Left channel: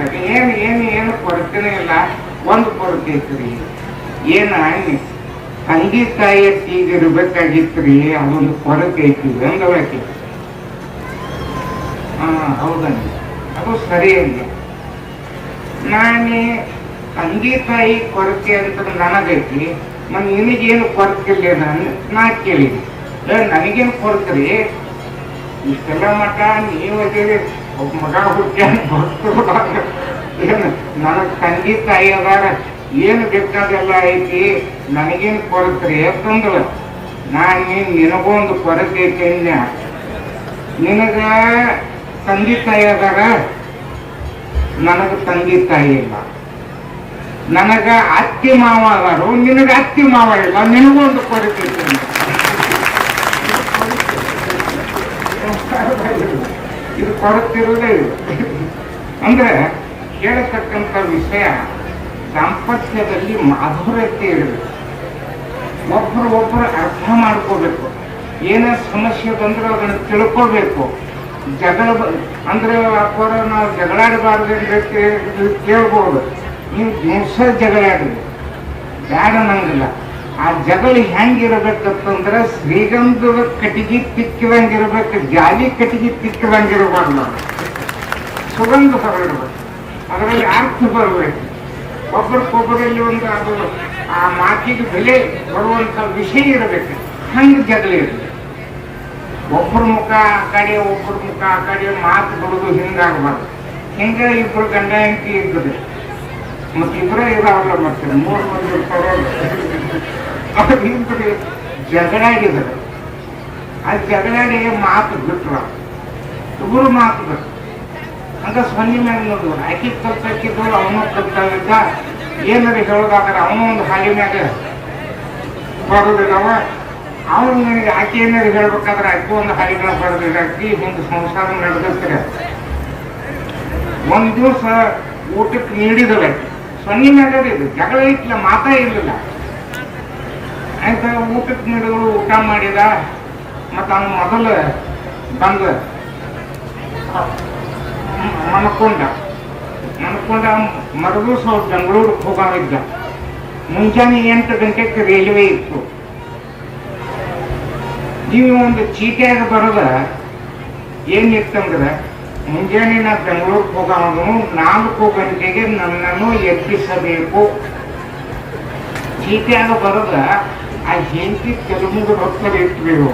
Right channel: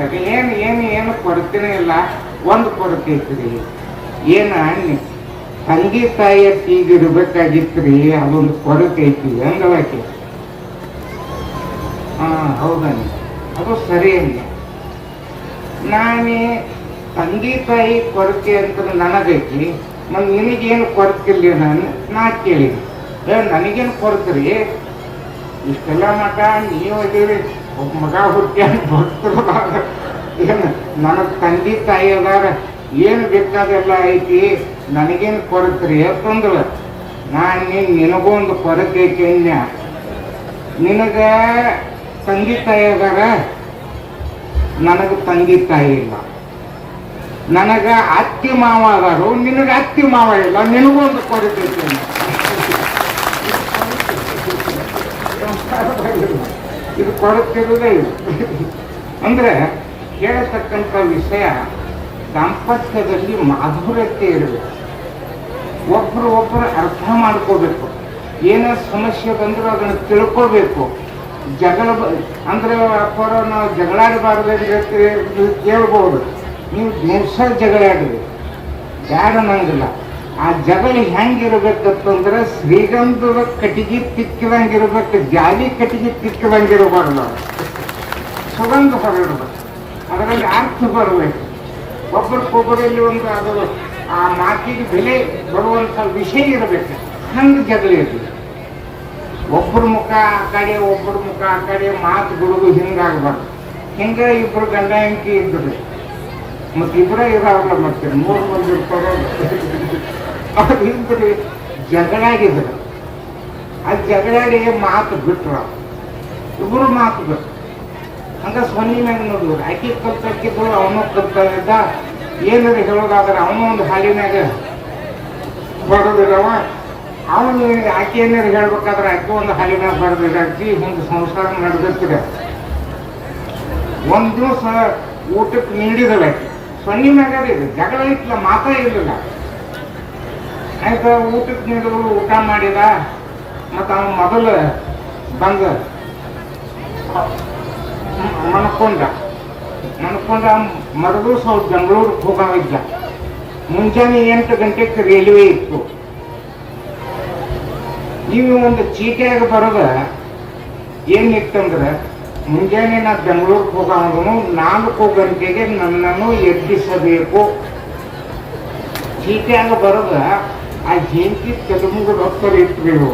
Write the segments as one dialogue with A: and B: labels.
A: ಸರಿ ಏನು ಏನು ಏನು ಕೊರತೆನೇ ಇಲ್ಲ, ಒಂದು ಕೊರತೆ ಐತ್ರಿ ಏನ ತಂದೆ ತಾಯಿಯ ತೀಗಿರ್ಬೇಕಾಗಿತ್ರಿ ಅದೊಂದು ಕೊರತೆ ಐತಿ ಅಂದವಾಕಿ ಹಾ ಹೌದನ್ನಿ ಅದು ಸರಿ ಅಂದೆ. ನಾನೇ ತಂದೆ ತಾಯಿ ಕೊರತೆ ಅಂತ ನನಗೈತಿ, ನಮ್ ನಿನಗೇನು ಕೊರತಿಲ್ಲ ನಾನು, ನಾ ಕೇಳಿ ನನಗೇನು ಕೊರತ್ರಿ ಇಷ್ಟೆಲ್ಲ ಮಠ, ನೀವು ಅದೀರಿ. ಒಬ್ಬ ಮಗ ಹುಟ್ಟಿ ಭಕ್ತರು ಏನು ನನಗೆ ತಂಗಿ ತಾಯಿ ಅದಾರ ಏನು ಬೇಕಾದೆಲ್ಲ ಐತಿ ನನಗೇನು ಕೊರತ್ರಿ ಅಂತಂದ್ರು ನಾನು ನಿನಗೊಂದು ಕೊರತೆ ಐತೆ ಅಂದ್ಯ ನಿನಗ ತಂದೆ ತಾಯಿ ಅದಾರ ನನಗೆ ತಂಗಿ ತಾಯಿ ಇಲ್ಲ ನನಗ ಅತ್ತಿ ಮಾವ ಅದಾರು ನಿನಗ ಅತ್ತಿ ಮಾವ ಇಲ್ಲ, ನಿನಗೊಂದು ಕೊರತೆ ಅಂದೆ. ಇದು ಕೊಡುತ್ತಿರುವುದೇ ಇಲ್ಲ. ಅಂದ್ರೆ ಕೇಳತಕ್ಕಂಥ ವಿಷಯ ದಾಂಪತ್ಯದಲ್ಲಿ ಮಾಧುರ್ಯತೆ ಇರಬೇಕು. ಒಬ್ರು ಒಬ್ಬರು ಅರ್ಥ ಮಾಡ್ಕೋಬೇಕು. ಏನೇ ಸಮಸ್ಯೆ ಬಂದರೂ ಅದನ್ನು ತಿಳ್ಕೋಬೇಕು. ಜಗಳ ಅಂದ್ರೆ ಅಪ್ಪರ ನಾವು ಜಗಳಾಡಬಾರ್ದು ಕೇಳ್ಬೋದು. ನೀವು ದೇಶ ಜಗಳಾಡಬೇಕು ಬ್ಯಾಡ ನಂಗಿಲ್ಲ. ಆ ಜಗಳ ಹೆಂಗಿರ್ಬೇಕಂತಂದ್ರ ಶ್ರೀಗಂಧದ ಕಟಿಗೆ ತಿಕ್ಕಿದಂಗಿರ್ಬೇಕು ಜಾಲಿ ಕಟಿಗೆ ತಿಕ್ಕಿದಂಗಿರ್ಬಾರ್ದು ಸುಗಂಧ ಬರಬೇಕು ಅದರಲ್ಲಿ ಅರ್ಥ ಬರಬೇಕು. ಒಬ್ಬರಿಗೊಬ್ಬರಲ್ಲಿ ಒಂದು ಅದು, ಆ ಮಾತಿಗೆ ಬೆಲೆ ಬರುವಂತ ವಿಷಯ ಇರಬೇಕು. ಹಂಗೆ ಜಗಳ ಇರಬೇಕು. ಒಬ್ಬರ ಮುಖ ಆ ಕಡೆ, ಒಬ್ಬರ ಮುಖ ಆ ಕಡೆ ಮಾತುಗಳು ಹಿಂಗಾಗಬಾರ್ದು. ಹಿಂಗ ಇಬ್ಬರು ಗಂಡ ಹೆಂಡತಿ ಇರ್ತದೆ ಮತ್ತೆ ಇಬ್ಬರೇ ಇದಾವಲ್ಲ ಮತ್ತೆ, ಮೂರು ಮಂದಿ ಇರ್ತಾರೆ. ಅವ್ರು ಜಗಳಾಗಿದ್ರು ಆ ಜಗಳಾಡಿ ಮಾತು ಬಿಟ್ರು. ಇಬ್ಬರು ಮಾತು ಬಿಟ್ರು. ಅಂತ ಸೊನ್ನೆ ಮ್ಯಾಗ ನೋಡಿದ್ರು. ಆಕಿ ಕಲ್ತಾಕಿದ್ರು ಅವನು ಕಲ್ತಾಗಿದ್ದ ಏನಾರ ಹೇಳೋದಾದ್ರೆ ಅವನು ಒಂದು ಹಾಲಿ ಮ್ಯಾಗ ಬರೋದಿಲ್ಲವ ಅವನು ಆಕೆ ಏನಾರ ಹೇಳ್ಬೇಕಾದ್ರೆ ಆಕೆ ಒಂದು ಹಾಲಿ ಮ್ಯಾಗ ಬರೋದಿರಾಕಿ ಒಂದು ಸಂಸಾರ ನಡೆದಿರ್ತೀರ ಒಂದು ದಿವಸ ಊಟಕ್ಕೆ ನೀಡಿದಲ್ಲ. ಸೊನ್ನೆ ಮ್ಯಾಗ ಇದು. ಜಗಳ ಇಟ್ಲ ಮಾತಾ ಇರ್ಲಿಲ್ಲ. ಆಯ್ತು, ಊಟಕ್ಕೆ ನೀಡಿದ್ರು ಊಟ ಮಾಡಿದ? ಮತ್ತು ಅವನ ಮೊದಲು ಬಂದ ಮನ್ಕೊಂಡ ಮನ್ಕೊಂಡ ಮರದೂ ಸ್ವಲ್ಪ ಬೆಂಗಳೂರು ಹೋಗಿದ್ದ ಮುಂಜಾನೆ ಎಂಟು ಗಂಟೆಗೆ ರೈಲ್ವೆ ಇತ್ತು. ನೀವು ಒಂದು ಚೀಟಿಯಾಗಿ ಬರೋದ ಏನಿತ್ತಂದ್ರೆ, ಮುಂಜಾನೆ ನಾ ಬೆಂಗಳೂರಿಗೆ ಹೋಗೋನು ನಾಲ್ಕು ಗಂಟೆಗೆ ನನ್ನನ್ನು ಎಬ್ಬಿಸಬೇಕು. ಚೀಟಿಯಾಗ ಬರೋದ ಆ ಹೆಂಡತಿ ಕೆಲವೊಂದು ರೊಕ್ಕ ಇಟ್ಬೇಕು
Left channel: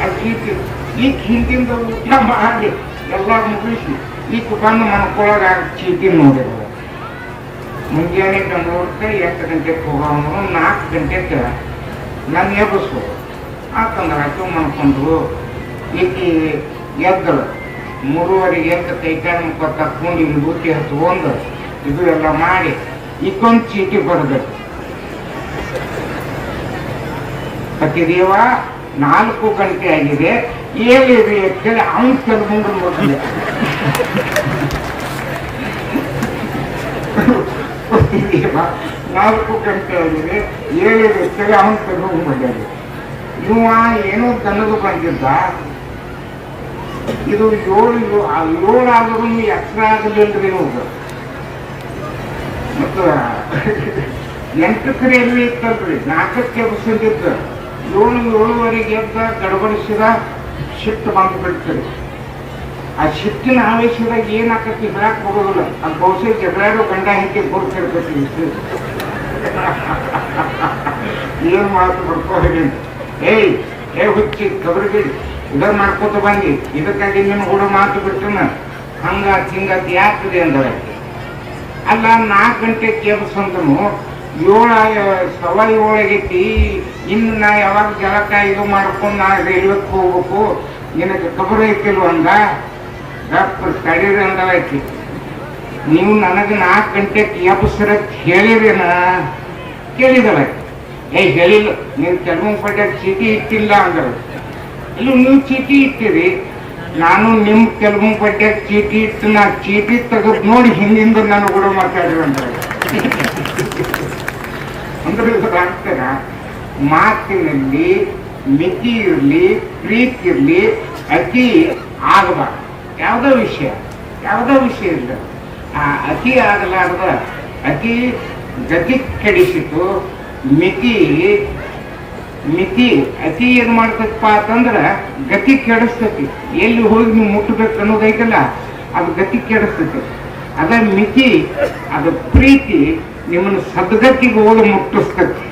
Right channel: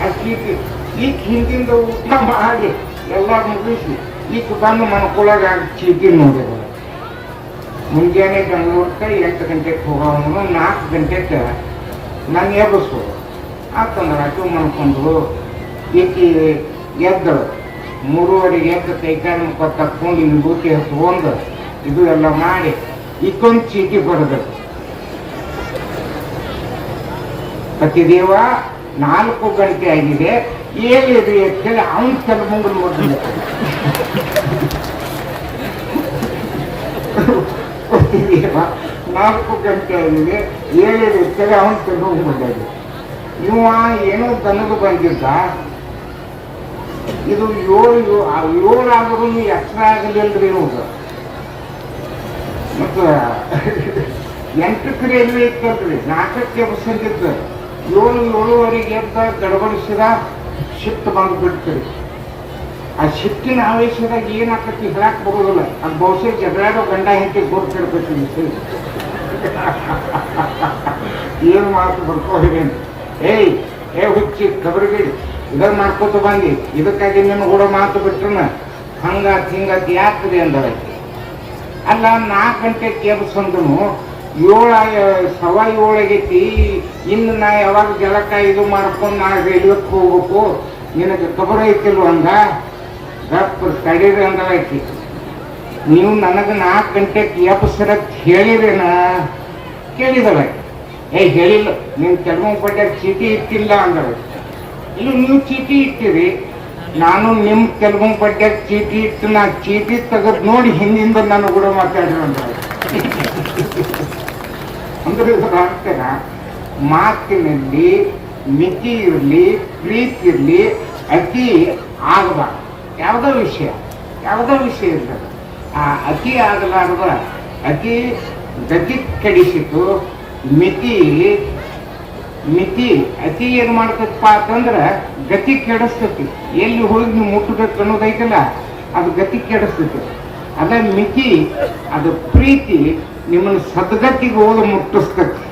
A: ಆ ಚೀಟಿ ಈಗ ಹಿಂದಿಂದ ಊಟ ಮಾಡಿ ಎಲ್ಲ ಮುಗಿಸಿ ಈಗ ಬಂದು ಮನ್ಕೊಳಗ ಚೀಟಿ ನೋಡಿದ್ರು ಮುಂಜಾನೆ ಬೆಂಗಳೂರ್ಕ ಎಂಟು ಗಂಟೆಗೆ ಹೋಗೋನು ನಾಲ್ಕು ಗಂಟೆಗೆ ನಾನು ಎಬ್ಬಿಸು ಯಾಕಂದ್ರೆ ಆಕೆ ಮನ್ಕೊಂಡ್ರು. ಈಕೆ ಎದ್ದಳು. ಮೂರುವರೆಗೆ ಎದ್ದು ಕೈ ಕಾಲು ಮುಖ ತಕ್ಕೊಂಡು ಇಲ್ಲಿ ಬೂತಿ ಹತ್ಕೊಂಡು ಇದು ಎಲ್ಲ ಮಾಡಿ, ಇದೊಂದು ಚೀಟಿ ಬರೆದ್ರು ಪತಿದೇವ ನಾಲ್ಕು ಗಂಟೆ ಆಗಿದೆ. ಏನಿದೆ ಅಂತೇಳಿ ಅವನ್ ಕೆಲವೊಂದು ಮೊದಲು ಪತಿದೇವ ನಾಲ್ಕು ಗಂಟೆ ಆಗಿದೆ. ಏಳಿದೆ ಅಂತೇಳಿ ಅವನ್ ಕೆಲವೊಂದು ಬಂದಿದೆ ಇವ ಏನೋ ತನಗೂ ಬಂದಿದ್ದ? ಇದು ಏಳು ಏಳು ಆದರೂ ಎತ್ತರ ಆಗಲಿಲ್ಲರಿ ನೋಡ್ರಿ ಮತ್ತು ಎಂಟಕ್ಕೆ ರೈಲ್ವೆ ಇತ್ತಲ್ರಿ ನಾಲ್ಕಕ್ಕೆ ಎಬ್ಸಂದಿದ್ದು ಏಳು ಏಳುವರೆಗೆ ಎದ್ದ ಗಡಬಡಿಸಿದ ಶಿಫ್ಟ್ ಬಂದು ಬಿಡ್ತೀರಿ ಆ ಶಿಫ್ಟಿನ ಆವೇಶದಾಗ ಏನಾಕತಿ ಹೇಳಕ್ ಹೋಗೋದಿಲ್ಲ ಅದು ಬಹುಶಃ ಜಗಳಾಡೋ ಗಂಡ ಗೋರ್ ಗುರುತಿರ್ಬೇಕು ಏನ್ ಮಾತು ಬರ್ಕೋತೀನಿ ಏಯ್, ಏ ಹುಚ್ಚಿ ಕಬರ್ಗಿ ಇದನ್ನ ಮಾಡ್ಕೋತ ಬಂದಿ. ಇದಕ್ಕಾಗಿ ನಿಮ್ಮ ಕೂಡ ಮಾತು ಬಿಟ್ಟಿನ ಹಂಗ, ಹಿಂಗ ಯಾಕ್ರಿ ಅಂದಳೆ. ಅಲ್ಲ, ನಾಲ್ಕು ಗಂಟೆ ಕೇಳಿಸಂದ್ರು ಏಳ ಸವಾ ಏಳಾಗೈತಿ ಇನ್ನು ನಾ ಯಾವಾಗ ಜಲಕ ಇದು ಮಾಡ್ಕೊಂಡು ನಾ ರೈಲ್ವೆಗೆ ಹೋಗ್ಬೇಕು? ನಿನಗೆ ಕಬರ ಐತಿಲ್ವಂದ ದಪ್ಪ ತಡೀರಂದಲ್ಲ ಐತಿ ನೀವು ನನಗೆ ನಾಲ್ಕು ಗಂಟೆಗೆ ಎಬ್ಸರ ಹೇಳಿರೇನ? ಕೇಳಿದಲ್ಲ ಏ, ಹೇಳಿಲ್ಲ. ನೀವು ಕೆಲವೊಂದು ಪಟ್ಟೆ ಚೀಟಿ ಇಟ್ಟಿಲ್ಲ ಅಂದ್ರೆ ಇಲ್ಲ ನೀವು ಚೀಟಿ ಇಟ್ಟಿರಿ. ನಾನು ನಿಮ್ಮ ಕೆಲವೊಂದು ಪಟ್ಟೆ ಚೀಟಿ ಇಟ್ಟು ನಾ ಚೀಟಿ ತೆಗೆದು ನೋಡಿ ಹಿಂದಿಂದ ನಾನು ಕೂಡ ಮಾತಾಡಿದ್ರೆ ಅಂದ್ರೆ ಅಂದ್ರೆ ಮಾತಿನಲ್ಲಿ ಮಿತಿ ಇರಲಿ, ಪ್ರೀತಿ ಇರಲಿ, ಅತಿ ಆಗಬಾರ್ದು. ಯಾವುದೋ ವಿಷಯ ಯಾವುದೋ ವಿಷಯ ಇಲ್ಲ ಆ, ಅತಿ ಆಗಲಾರ್ದ, ಅತಿ ಗತಿ ಕೆಡಿಸಿತು, ಮಿತಿ ಮಿತಿ, ಅತಿ ಏನ್ ಮಾಡ್ತಪ್ಪ ಅಂತಂದ್ರ ಗತಿ ಕೆಡಿಸ್ತತಿ. ಎಲ್ಲಿ ಹೋಗಿ ನೀವು ಮುಟ್ಟಬೇಕು ಅನ್ನೋದೈತಲ್ಲ ಅದು ಗತಿ ಕೆಡಿಸ್ತತಿ. ಅದ ಮಿತಿ, ಅದು ಪ್ರೀತಿ ನಿಮ್ಮನ್ನು ಸದ್ಗತಿಗೆ ಹೋಗಿ ಮುಟ್ಟಿಸ್ತತಿ.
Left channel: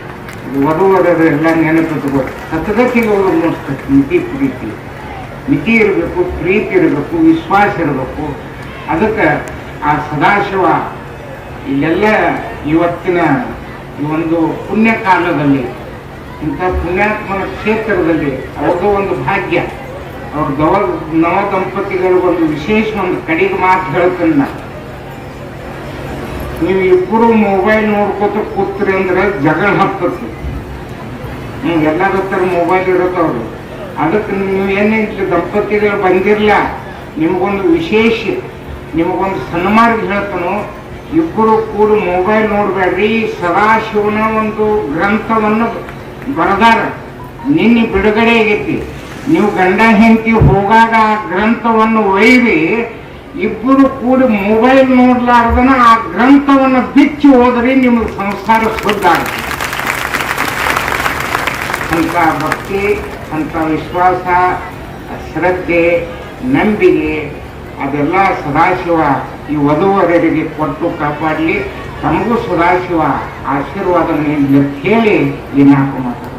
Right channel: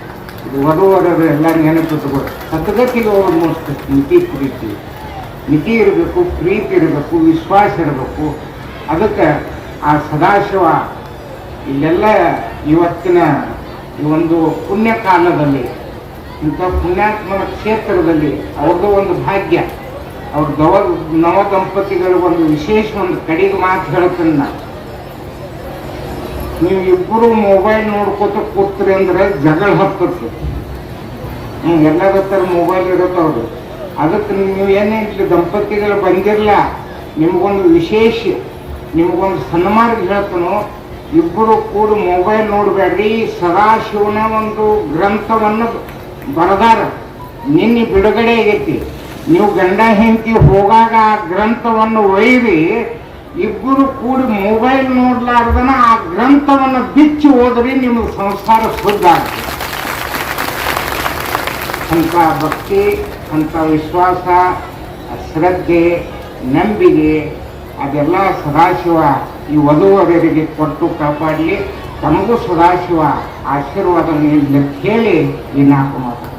A: ಇದು ಎಲ್ಲರೂ ಎಲ್ಲ ನೆನಪಿಟ್ಕೋ ಸದ್ಗತಿಗೆ ಹೋಗಿ ಮುಟ್ಟಿಸ್ತತಿ ಮಿತಿ ಪ್ರೀತಿ. ಮಿತಿ ಇರಬೇಕು, ಪ್ರೀತಿ ಇರಬೇಕು, ವಿಶ್ವಾಸ ಇರಬೇಕು. ಅದಕ್ಕೆ ಆ ಸದಾಶಿವ ಇಲ್ಲೆಲ್ಲ ಇವತ್ತಿನ ಈ ಒಂದು ಪುಣ್ಯ ಕಾಲದಲ್ಲಿ ಇಂಥ ಪುಣ್ಯಾತ್ಮನ ಕ್ಷೇತ್ರದಲ್ಲಿ ಅವ್ರದ್ದು ಒಂದು ಭಾಗ್ಯ. ಅವ್ರ ಗವ ನವ ದಂಪತಿಗಳು ಒಂದು ವಿಶೇಷ ಒಂದು ಕಡೆಗೆ ಮಾತು ಹೇಳ್ತೇನೆ ನೀವು ಇಬ್ಬರು ಮೊಬೈಲ್ ನೋಡ್ಕೋತ ಕೂತ್ರಿ ಅಂದ್ರೆ ಜಗಳ ಹತ್ತತ್ತೆ. ನೀವು ಹತ್ರ ಮೊಬೈಲ್ ಇರೋದವ್ರು ಅದಕ್ಕೆ ನೀವು ಏನೇನು ದಂಪತಿಗಳು ಬಂದಿರಲ್ಲ ನಿಮಗೊಂದು ವಿಶೇಷ, ನಿಮಗೊಂದು ಸನ್ಮಾರ್ಗ ಹೇಳ್ತಾನೋ ಇಬ್ಬರು ಕೂಡ ಮೊಬೈಲ್ ನೋಡಬೇಡ್ರಿ ಸದಾಶಿವನ ಒಂದು ಗ್ರಂಥವನ್ನು ಬರೆದಾರ. ನಿನ್ನೆ ಬಿಡುಗಡೆ ಆಗೈತಿ. ನೀವು ಗಂಡ ಹೆಂಡತಿ ಹೋಗಾಗ ಆ ಗ್ರಂಥವನ್ನು ಒಯ್ದು ಇಬ್ಬರು ಕೂಡ ಮೊಬೈಲ್ ನೋಡ್ಲಾರ್ದನ ಆ ಗ್ರಂಥವನ್ನು ಬಿಚ್ಚಿ ಹೋದ್ರೆ ನಿಮ್ಮ ಸಂಸಾರ ಶುದ್ಧ ಆಗ್ತದೆ. ಅಂತ ಭಕ್ತಿ, ಅಂಥ ವಿಶ್ವಾಸ, ಶ್ರದ್ಧೆ, ನಂಬಿಕೆ, ಅದೆಲ್ಲ ಸದಾಶಿವ ಈ ವಧುವರರಿಗೆ ಕೊಟ್ಟು ಕಾಪಾಡಲಿ. ತಮಗೂ ಸದಾಶಿವ ಆಶೀರ್ವಾದ ಕೇಳಿ ನಾಲ್ಕು ಮಾತು